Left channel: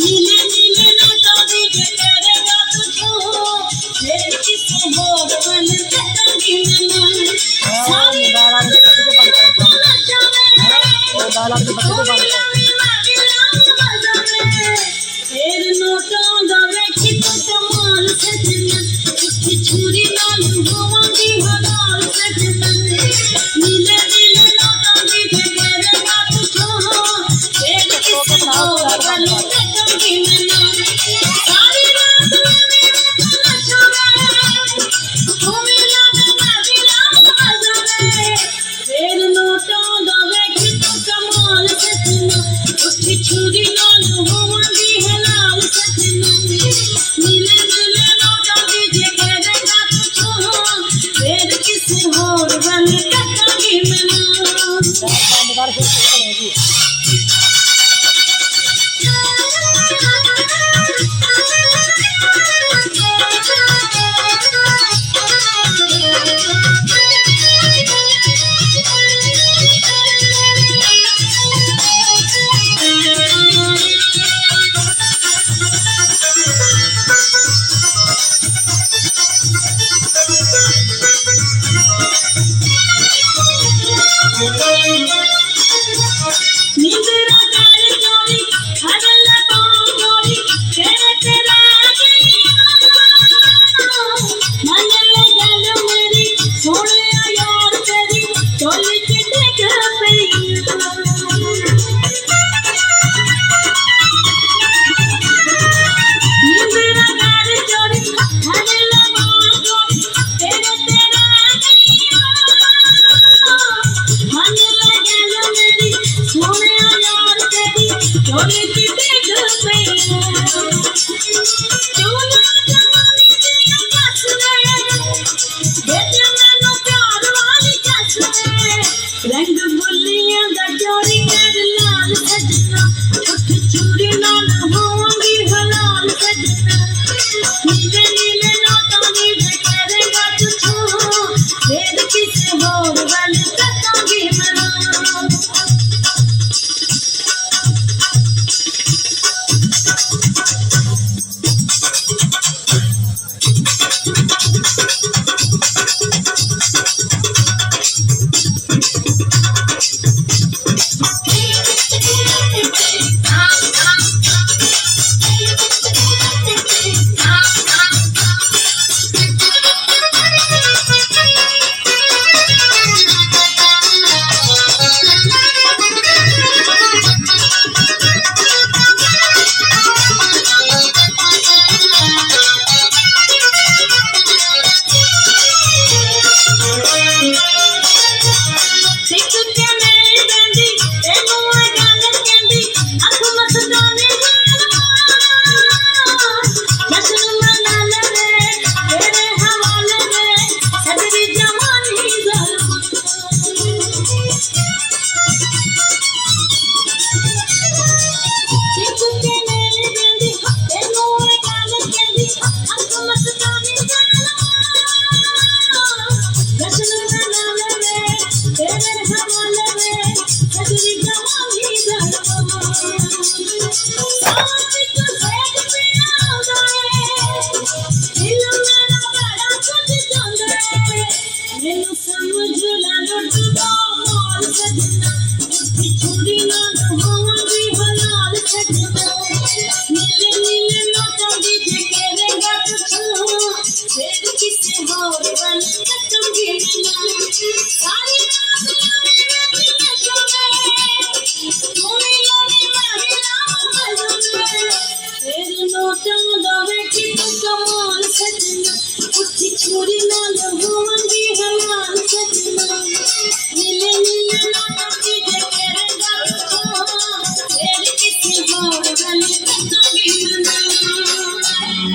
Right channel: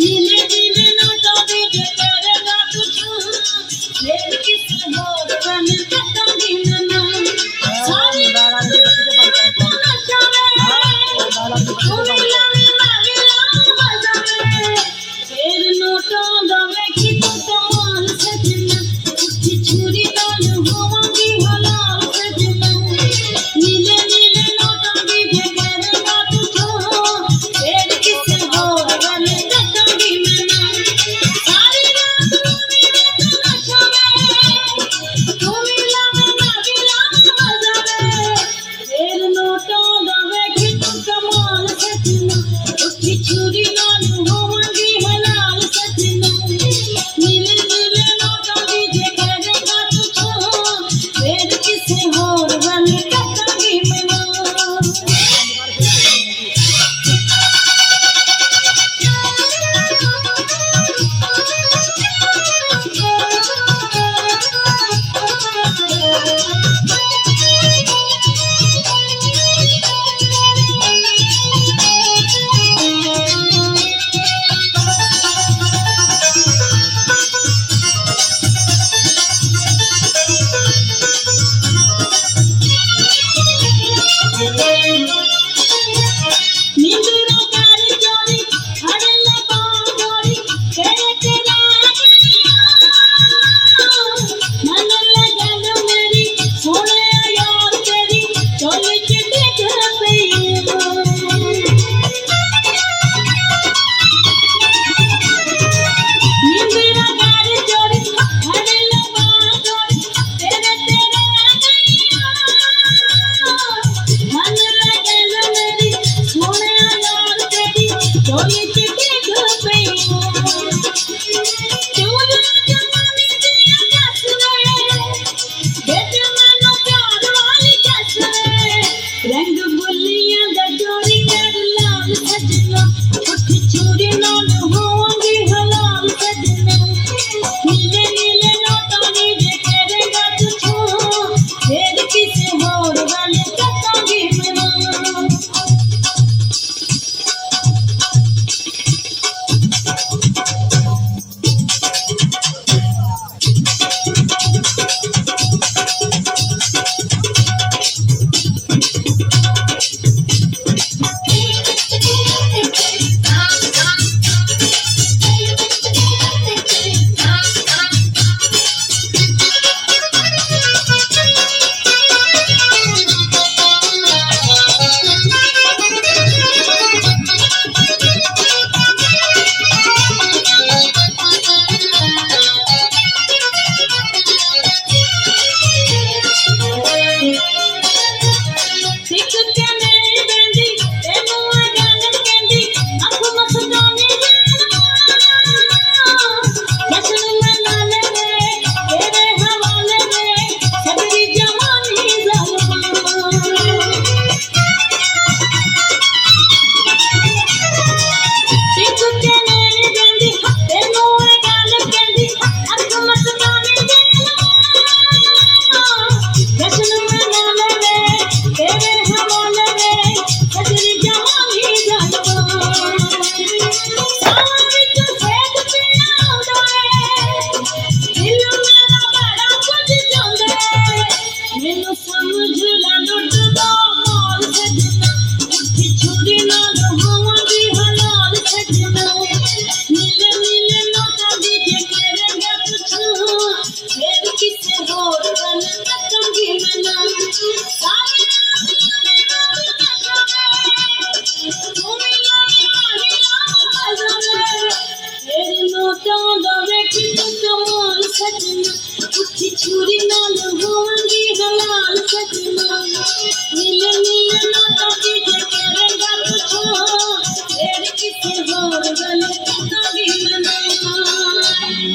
नीले नीले नोटों दी जे करेगा तुझको फिर किसे होर बन कटांगी मैं सारी रात तो नशा में कोई मारी लाल मजा में फिर नोटों दा वेखी तो कमाल सजना उठी छुरी नाल होवांगी हलाल सजना नीले नीले नोटों दी जे करेगा तुझको फिर किसे होर बन कटांगी मैं सारी रात मेरे तो नशा में कोई मारी लाल मजा में फिर नोटों दा वेखी तो कमाल सजना उठी छुरी नाल होवांगी हलाल सजना नीले नीले नोटों दी जे करेगा तुझको फिर किसे होर बन कटांगी मैं नींदरा कर चोरी हरल बांगोरी तेरे तेरा गैया मन लगल मेरी सोने यार तेरी चोल के देख पैया नींदरा कर चोरी हरल बांगोरी तेरे तेरा गैया मन लगल मेरी सोने यार तेरी चोल के देख पैया चोला जवानी दिया कस में बेटे मानो प्यार वाली कस में रंग बुलियां दा चोरी कर लाल सजना उठी चूड़ी नाल होंगी हलाल सजना नीले नीले नोटों दी जे करेगा तुझको फिर किसे होर बन कटांगी मैं सिख कने देंदी तेनू आ गल कहंदी अख मस्तानी जश्न मना ले तेरे हवाले में सदरी जवानी ज़ालिमा सिख कने देंदी तेनू आ गल कहंदी अख मस्तानी जश्न मना ले तेरे हवाले में सदरी जवानी ज़ालिमा सावन विच सेक पीना आउंदा है दिल मेरा बड़ा कुछ चाहुंदा है मैनू समझ ला लुटदा माल सजना उठी छुरी नाल होवांगी हलाल सजना नीले नीले नोटों दी जे करेगा तुझको फिर किसे होर बन कटांगी मैं सारी रात मेरी नशा में कोई मारी लाल मजा में फिर नोटों दा वेखी तो कमाल सजना उठी छुरी नाल होवांगी हलाल सजना